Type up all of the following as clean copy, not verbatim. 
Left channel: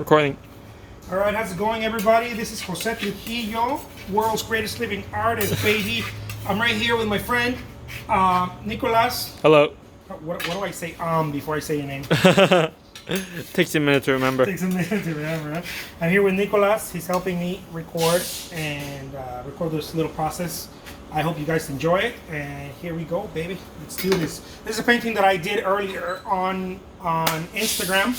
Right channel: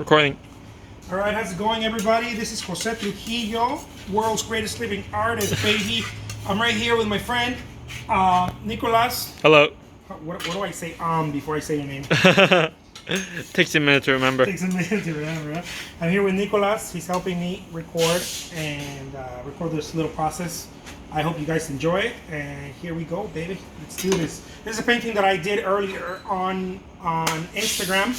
Recording. All right, how's it going, everybody? This is Jose Trujillo, world's greatest living artist, baby. I'm right here with my friend, Nicolas. Hello. What do I say before I say your name? Takes a minute to remember. Takes a minute to remember. Huh? I'm here with Nicolas. He's helping me record record this little process. I hope you guys enjoy it. And here we go, baby. Let's do this. This is a painting that I did earlier on Instagram.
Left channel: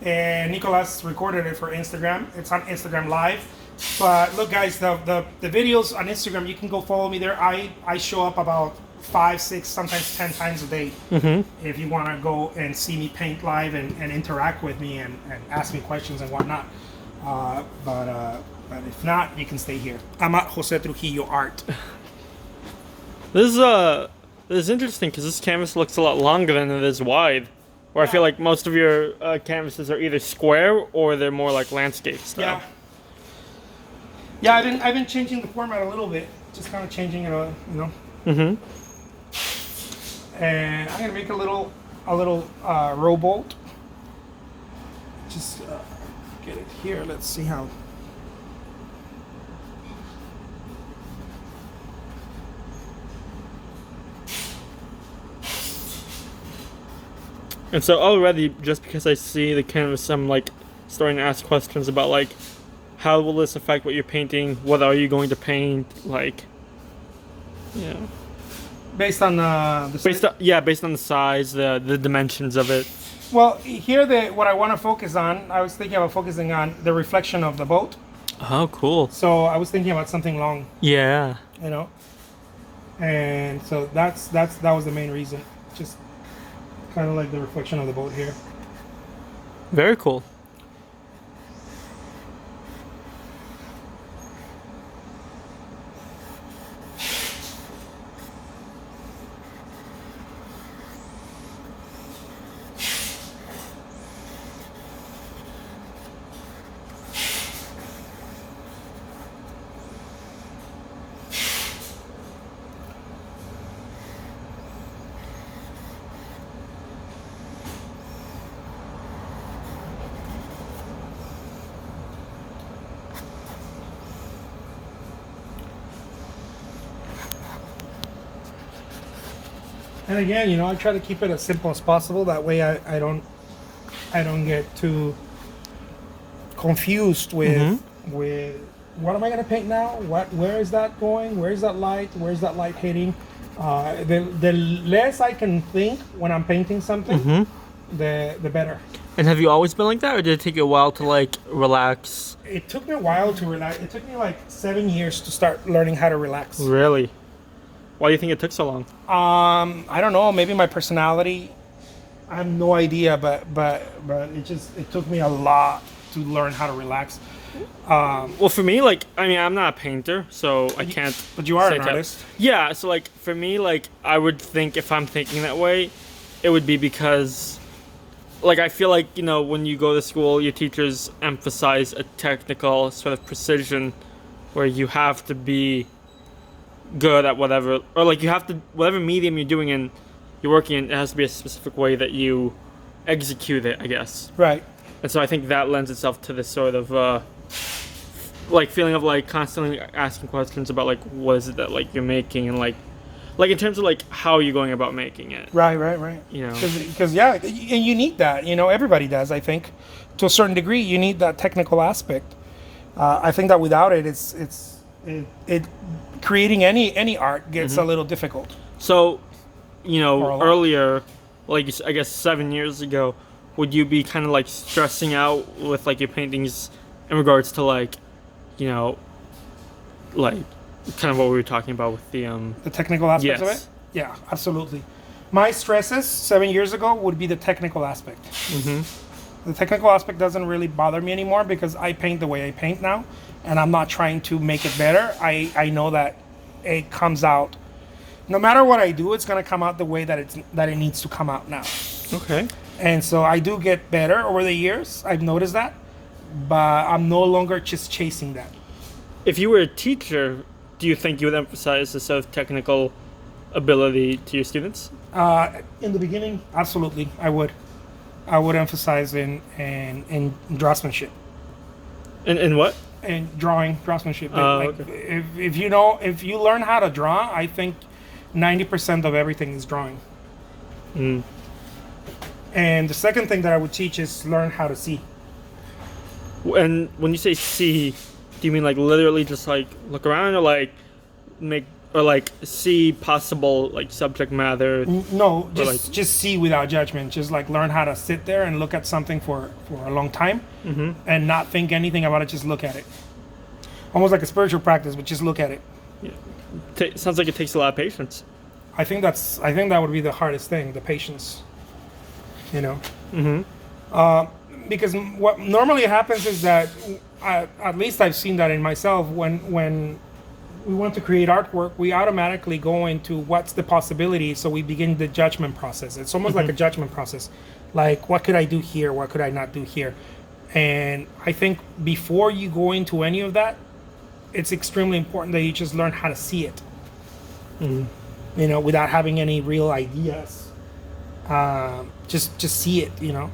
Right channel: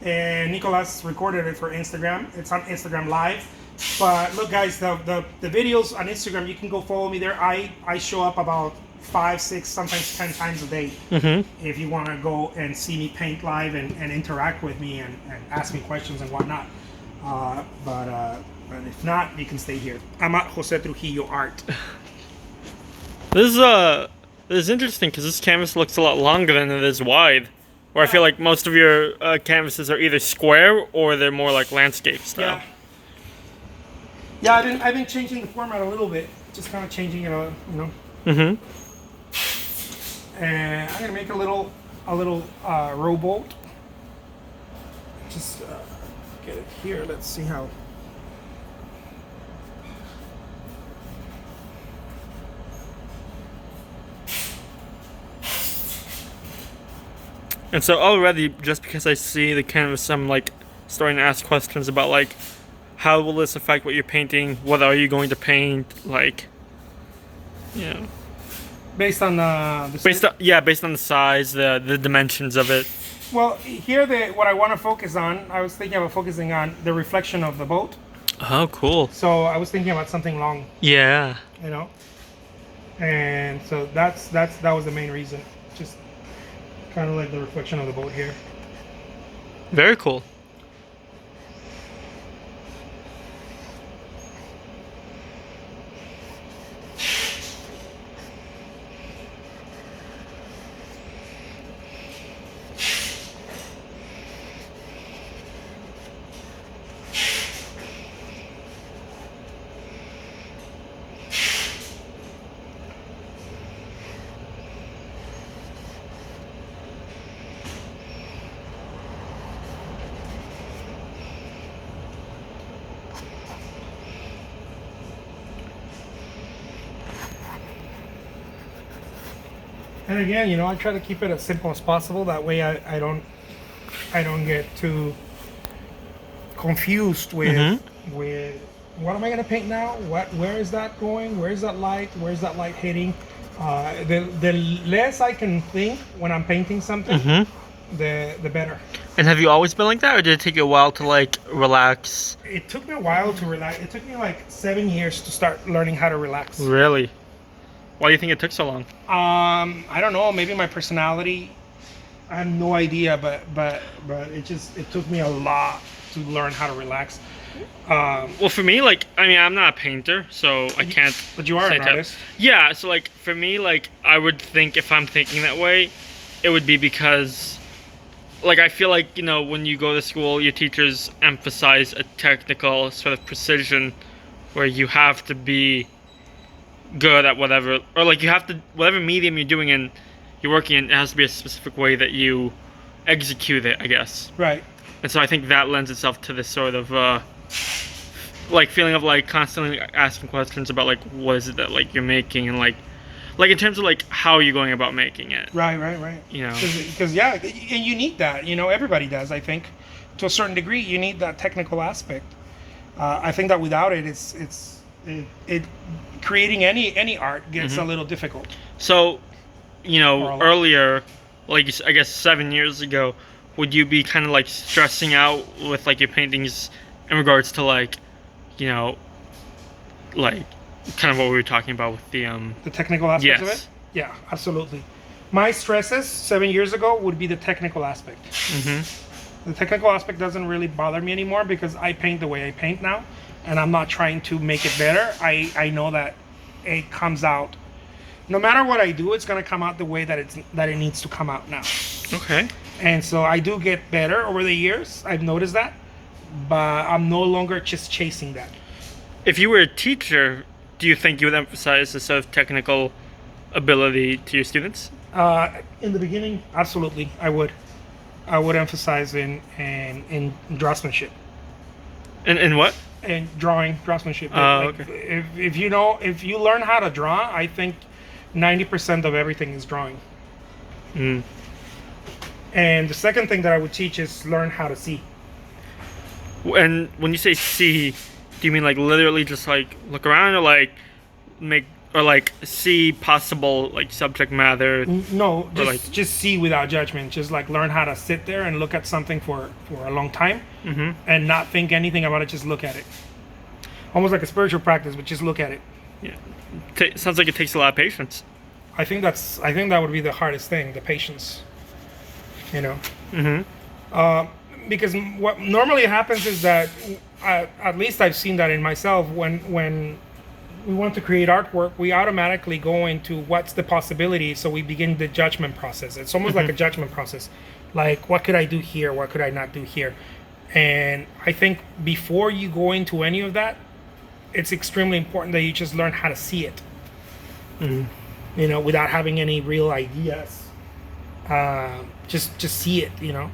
And Nicolas recorded it for Instagram. It's on Instagram Live. But look, guys, the videos on Instagram, you can go follow me there. I show up about 5, 6, sometimes 10 times a day. If you want to go and see me paint live and interact with me and ask me questions and whatnot. But if not, you can stay here. I'm at Jose Trujillo Art. This is interesting because this canvas looks a lot longer than it is wide. Where I feel like most of your canvases are either square or they're more like landscape style. Yeah, I've been changing the format a little bit, just kind of changing it, you know. And I'm gonna make a little rowboat. Just get it here. Let's see how. And so already, just because I see the canvas, I'm like starting to ask questions about like, how will this affect what you're painting? What are you going to paint? Like, you know, Based on the based on the size, the dimensions of it. Well, here what I want to focus on. I was thinking about focusing on the reflection of the boat. Oh, cool. So I was thinking about something long. Yeah. You know. And so that was the main reason. Just kind of like the reflection of the boat here. Very cool. And again, you know, I try to keep it as simple as possible. That way, I don't get too confused with what am I gonna paint now? Where is that going? Where is that light? Where is that light hitting? The less I can think when I'm painting something, the better. And have you always been like that, or did it take you a while to like relax? It took me a while to relax. It took me like 7 years to start learning how to relax. Really? Why do you think it took so long? I don't know. Maybe my personality. I have no idea, but it took me a lot to learn how to relax. Well, for me, like, I mean, I'm not a painter, so I can't. But you are say an that. artist. Yeah, so like for me, like I would think if I'm thinking that way, it would be because, like, I feel like, you know, when you go to school, your teachers emphasize a technical sort of precision, where you have to be good at whatever, or like you have to, whatever medium you're doing in, you're working in, it has to be a specific way that you execute it, I guess. Right. And so I think that lends itself to this sort of like feeling of like constantly asking questions about like what is it that like you're making, and like in terms of like how you're going about making it. Right. You know, Because yeah, and you need that. You know, everybody does. I think, to a certain degree, you need that technical aspect. I think that without it, it creating any art gets a little difficult. so, you know, earlier, like I guess 7 years ago, would you be kind of like stressing out with like your paintings in regards to like, you know, like kind of what we were talking about with the technical aspect of yes. it? Yeah, absolutely. My stresses 7 years ago would be the technical aspect. The technical aspect doesn't really bother me anymore because I paint the way I paint now, and I'm not trying to make it better. I know that it comes out. No matter what I do, it's gonna come out the way that it needs to come out now. Okay. And so I do get better over the years. I've noticed that, but I'm no longer just chasing that. If you were a teacher, do you think you would emphasize the sort of technical ability to your students? In the beginning, absolutely, I would. I would emphasize in draftsmanship In what? and drawing draftsmanship. Oh, Like, okay. if you learn how to draw, I think 90% of everything is drawing. Mm. And the second thing that I would teach is learn how to see. And when you say see, do you mean like literally just like look around, or like make, or like see possible like subject matter? No, Or just see without judgment. Just like learn how to sit there and look at something for a long time and not think anything about it. Just look at it. Almost like a spiritual practice, but just look at it. Yeah. Sounds like it takes a lot of patience. I think that would be the hardest thing, the patience. You know. Because what normally happens is that, at least I've seen that in myself, when we want to create artwork, we automatically go into what's the possibility, so we begin the judgment process. It's almost like a judgment process, like what could I do here, what could I not do here. And I think before you go into any of that, it's extremely important that you just learn how to see it, you know, without having any real ideas. Just see it, you know.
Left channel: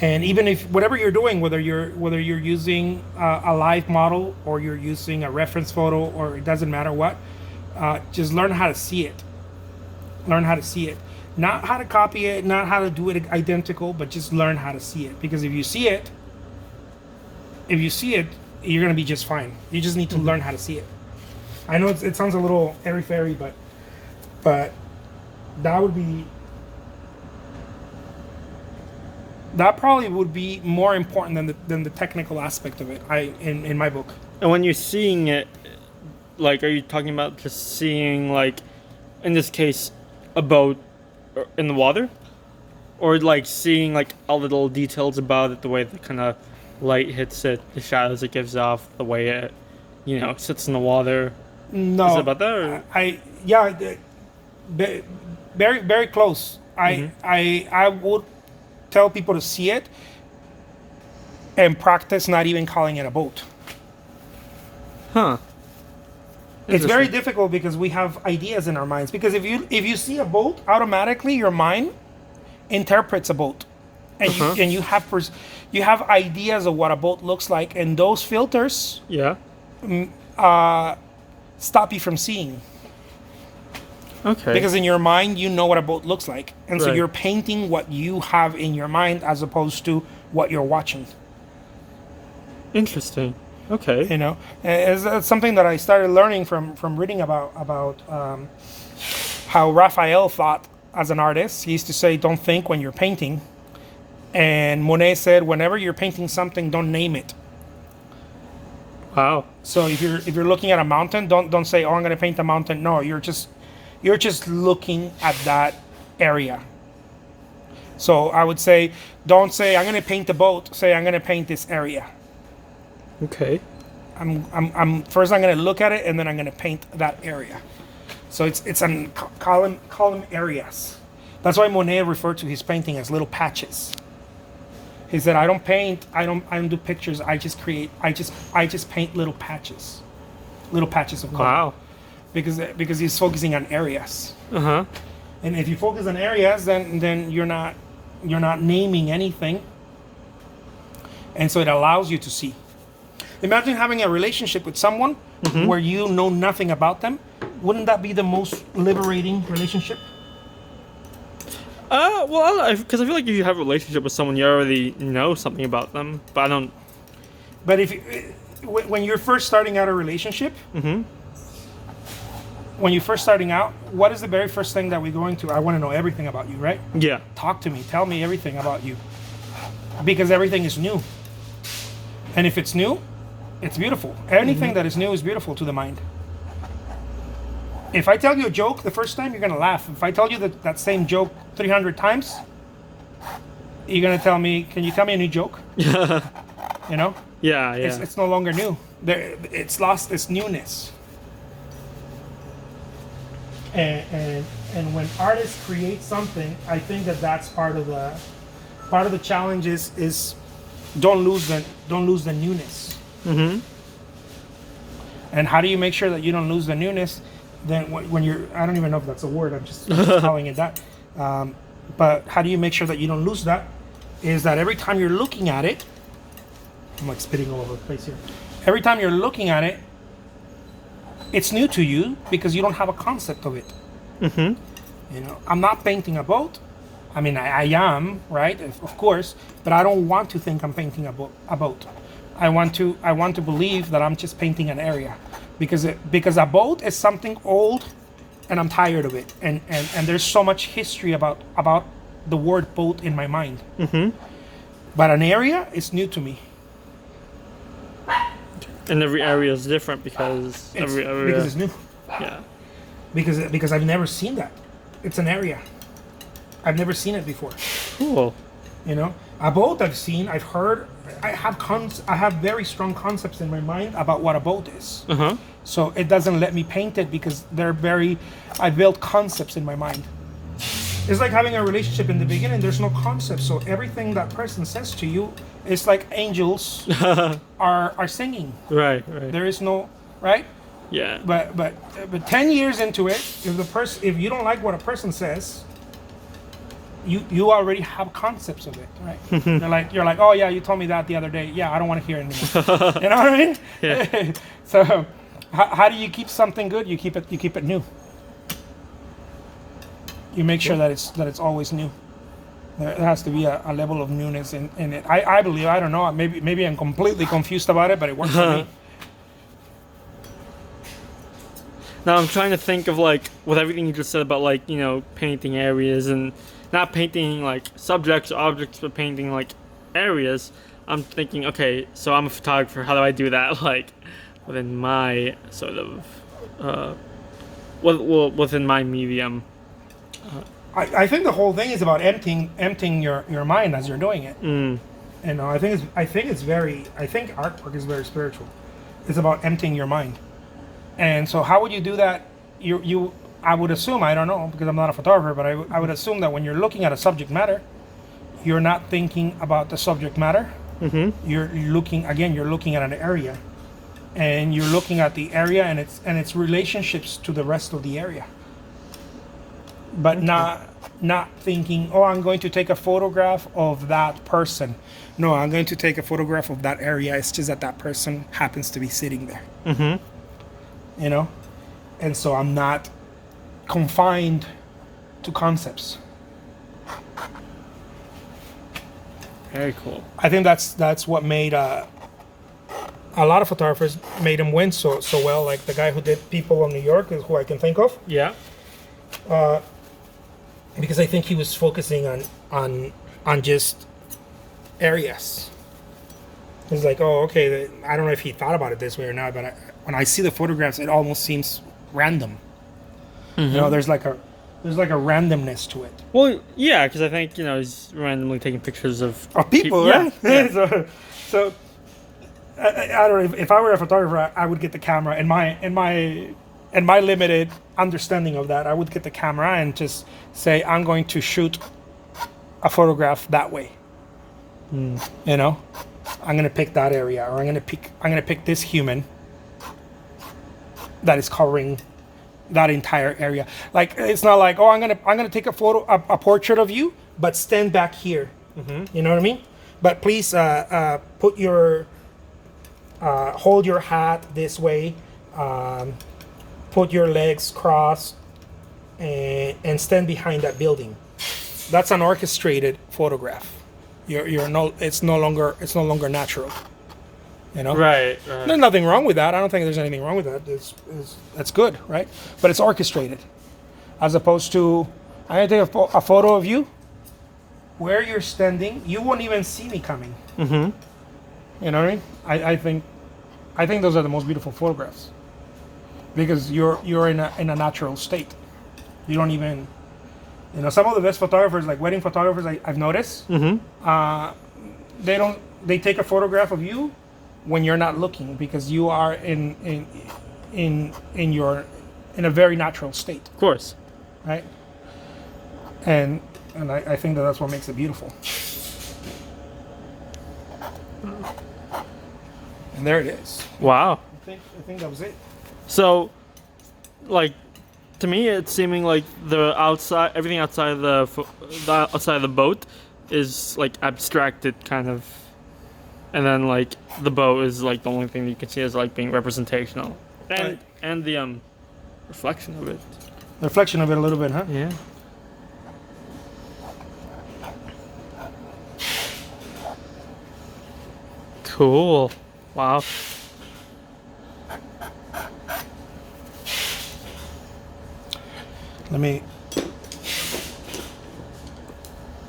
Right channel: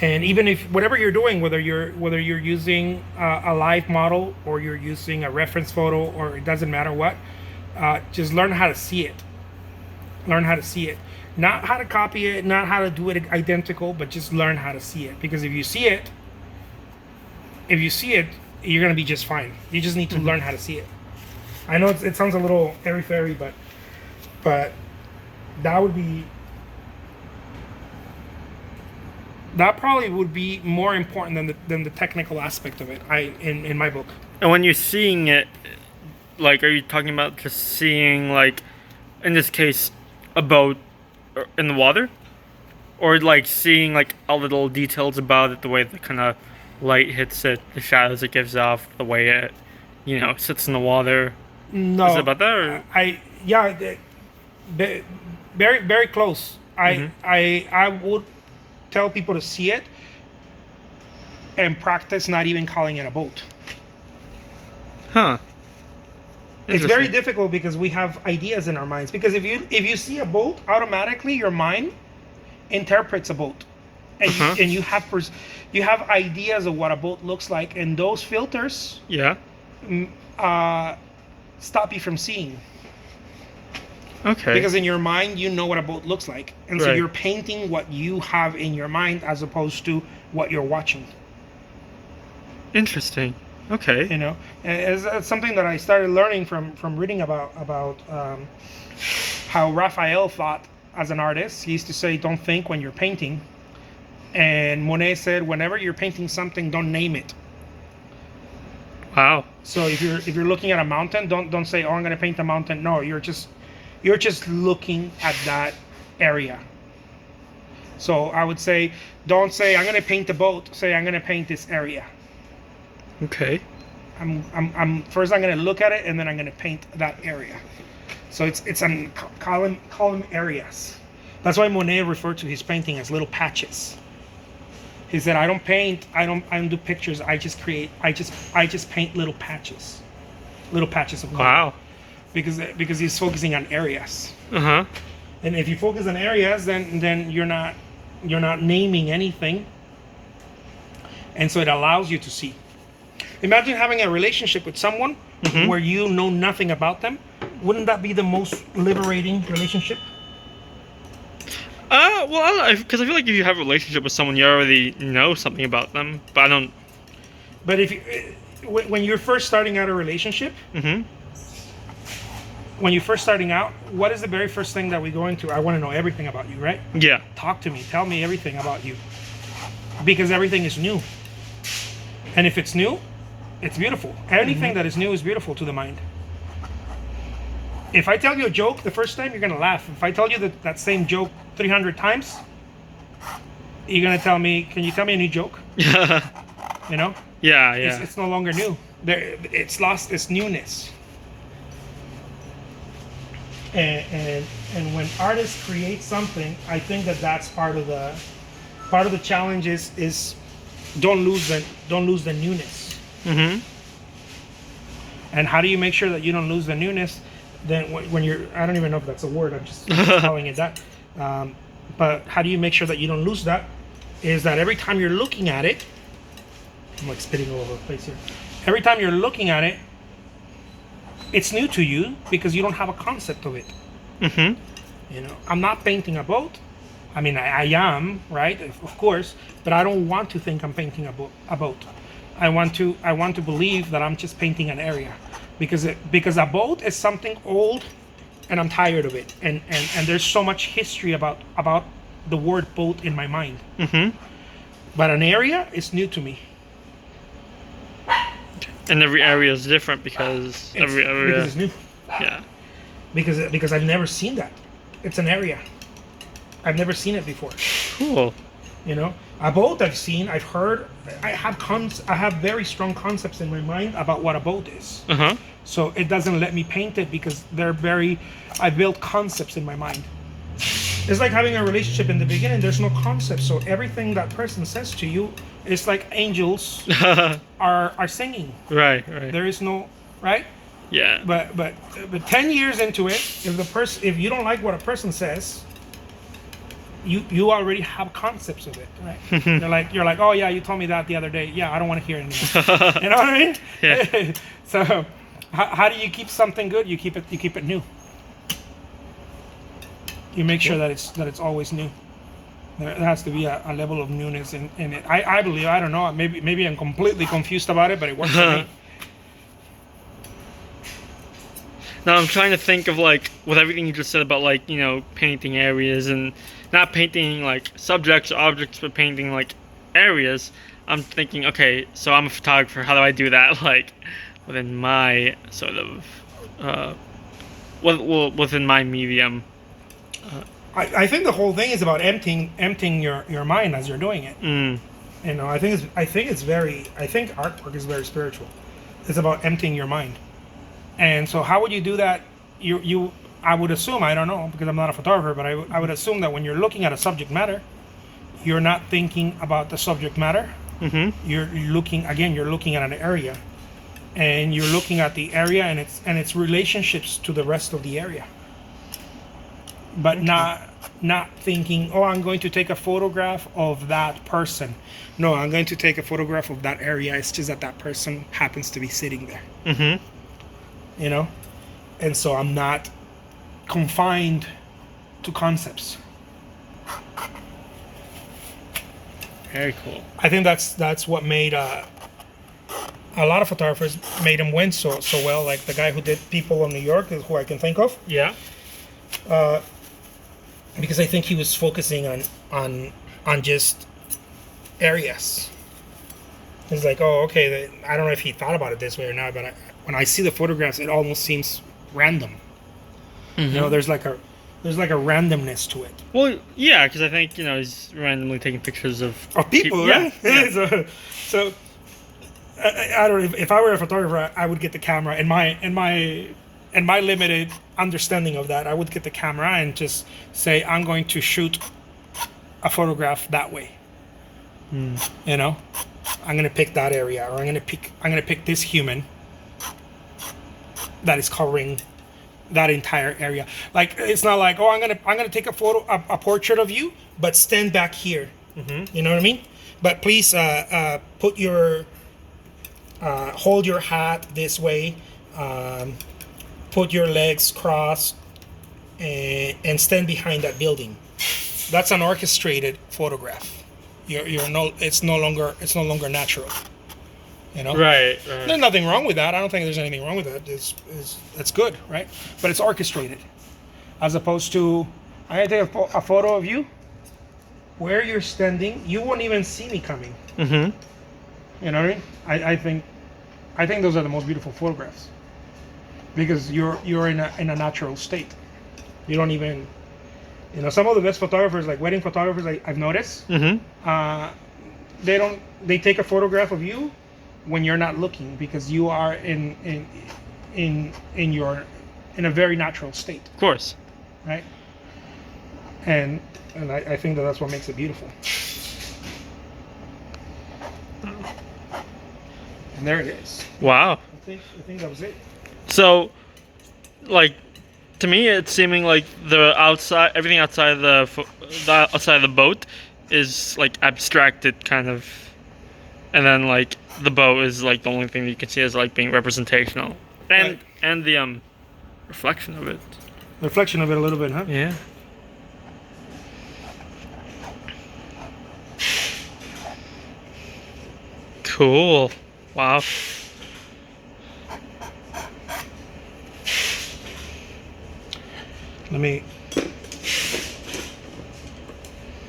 And even if whatever you're doing, whether you're using a live model or you're using a reference photo, or it doesn't matter what, just learn how to see it. Learn how to see it, not how to copy it, not how to do it identical, but just learn how to see it. Because if you see it, you're gonna be just fine. You just need to learn how to see it. I know it sounds a little airy-fairy, but that probably would be more important than the technical aspect of it. In my book. And when you're seeing it, like, are you talking about just seeing, like, in this case, a boat in the water, or like seeing like all the little details about it, the way the kind of light hits it, the shadows it gives off, the way it, you know, sits in the water? No, Is it about that? Or? Very very close. I would tell people to see it and practice not even calling it a boat. Huh. It's very difficult because we have ideas in our minds. Because if you see a boat, automatically your mind interprets a boat, and you have ideas of what a boat looks like, and those filters stop you from seeing. Okay. Because in your mind, you know what a boat looks like. And so Right. you're painting what you have in your mind as opposed to what you're watching. Interesting. Okay. You know, and it's something that I started learning from reading about how Raphael thought as an artist. He used to say, don't think when you're painting. And Monet said, whenever you're painting something, don't name it. Wow. So if you're looking at a mountain, don't say, oh, I'm going to paint a mountain. No, you're just looking at that area. So I would say, don't say I'm going to paint the boat. Say I'm going to paint this area. Okay. I'm first I'm going to look at it, and then I'm going to paint that area. So it's on column areas. That's why Monet referred to his painting as little patches. He said, I don't paint, I don't do pictures. I just paint little patches of color. Wow. Because he's focusing on areas. Uh-huh. And if you focus on areas, then you're not naming anything, and so it allows you to see. Imagine having a relationship with someone where you know nothing about them. Wouldn't that be the most liberating relationship? Well, because I feel like if you have a relationship with someone, you already know something about them. But I don't. But when you're first starting out a relationship, when you're first starting out, what is the very first thing that we go into? I want to know everything about you, right? Yeah. Talk to me. Tell me everything about you. Because everything is new. And if it's new, it's beautiful. Anything that is new is beautiful to the mind. If I tell you a joke the first time, you're going to laugh. If I tell you that same joke 300 times, you're going to tell me, can you tell me a new joke? You know? Yeah. It's no longer new. It's lost its newness. And when artists create something, I think that's part of the challenge is don't lose the newness. And how do you make sure that you don't lose the newness? Then when you're, I don't even know if that's a word. I'm just calling it that. But how do you make sure that you don't lose that? is that every time you're looking at it, I'm like spitting all over the place here. Every time you're looking at it, it's new to you because you don't have a concept of it. Mm-hmm. You know, I'm not painting a boat. I mean, I am, right? Of course, but I don't want to think I'm painting a boat. I want to believe that I'm just painting an area, because a boat is something old, and I'm tired of it. And there's so much history about the word boat in my mind. Mm-hmm. But an area is new to me. And every area is different because every area. Because it's new. Yeah. Because I've never seen that. It's an area. I've never seen it before. Cool. You know, a boat I've seen, I've heard. I have very strong concepts in my mind about what a boat is. Uh huh. So it doesn't let me paint it because I built concepts in my mind. It's like having a relationship in the beginning. There's no concept, so everything that person says to you is like angels are singing. Right. There is no right. Yeah. But 10 years into it, if you don't like what a person says, you already have concepts of it, right? you're like, oh yeah, you told me that the other day. Yeah, I don't want to hear it anymore. You know what I mean? Yeah. So how do you keep something good? You keep it new. You make sure that it's always new. There has to be a level of newness in it. I believe, I don't know, maybe I'm completely confused about it, but it works for me. Now I'm trying to think of, like, with everything you just said about, like, you know, painting areas and not painting like subjects or objects, but painting like areas. I'm thinking, okay, so I'm a photographer. How do I do that? Like within my sort of within my medium. I think the whole thing is about emptying your mind as you're doing it. Mm. You know, I think artwork is very spiritual. It's about emptying your mind. And so how would you do that? I would assume, I don't know because I'm not a photographer, but I would assume that when you're looking at a subject matter, you're not thinking about the subject matter. Mm-hmm. You're looking at an area, and you're looking at the area and its relationships to the rest of the area. But Okay. not thinking, oh, I'm going to take a photograph of that person. No, I'm going to take a photograph of that area. It's just that person happens to be sitting there. Mm-hmm. You know, and so I'm not confined to concepts. Very cool. I think that's what made a lot of photographers made him win so well. Like the guy who did People of New York, is who I can think of. Yeah. Because I think he was focusing on just areas. It's like, oh, okay. I don't know if he thought about it this way or not, but when I see the photographs, it almost seems random. Mm-hmm. You know, there's like a randomness to it. Well, yeah, because I think, you know, he's randomly taking pictures of People, right? Yeah. so I don't know if I were a photographer, I would get the camera and my limited understanding of that, I would get the camera and just say, I'm going to shoot a photograph that way. Mm. You know, I'm gonna pick that area, or I'm gonna pick this human that is covering that entire area. Like, it's not like, oh, I'm gonna take a portrait of you, but stand back here. Mm-hmm. You know what I mean? But please put your hold your hat this way, put your legs crossed, and stand behind that building. That's an orchestrated photograph. It's no longer natural. You know? Right. There's nothing wrong with that. I don't think there's anything wrong with that. That's good, right? But it's orchestrated, as opposed to, I'm gonna take a photo of you where you're standing. You won't even see me coming. Mm-hmm. You know what I mean? I think those are the most beautiful photographs because you're in a natural state. You don't even, you know, some of the best photographers, like wedding photographers, I've noticed, Mm-hmm. They take a photograph of you when you're not looking because you are in a very natural state, Of course. right? And I think that's what makes it beautiful. And there it is. Wow. I think that was it. So, like, to me, it's seeming like everything outside of the boat is like abstracted kind of, and then like the bow is like the only thing that you can see as like being representational, and the reflection of it. Reflection of it a little bit, huh? Yeah. Cool. Wow. Let me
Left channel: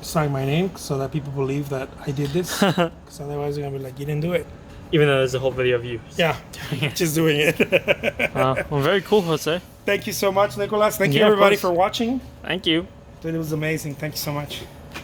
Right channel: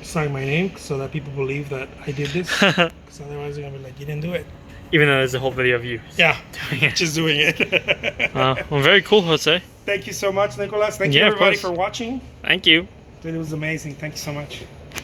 sign my name so that people believe that I did this. Because otherwise they're gonna be like, you didn't do it. Even though there's a whole video of you Yeah, doing it. just doing it. Well, very cool, Jose. Thank you so much, Nicolas. Thank you Yeah, of everybody course. for watching. Thank you. It was amazing. Thank you so much.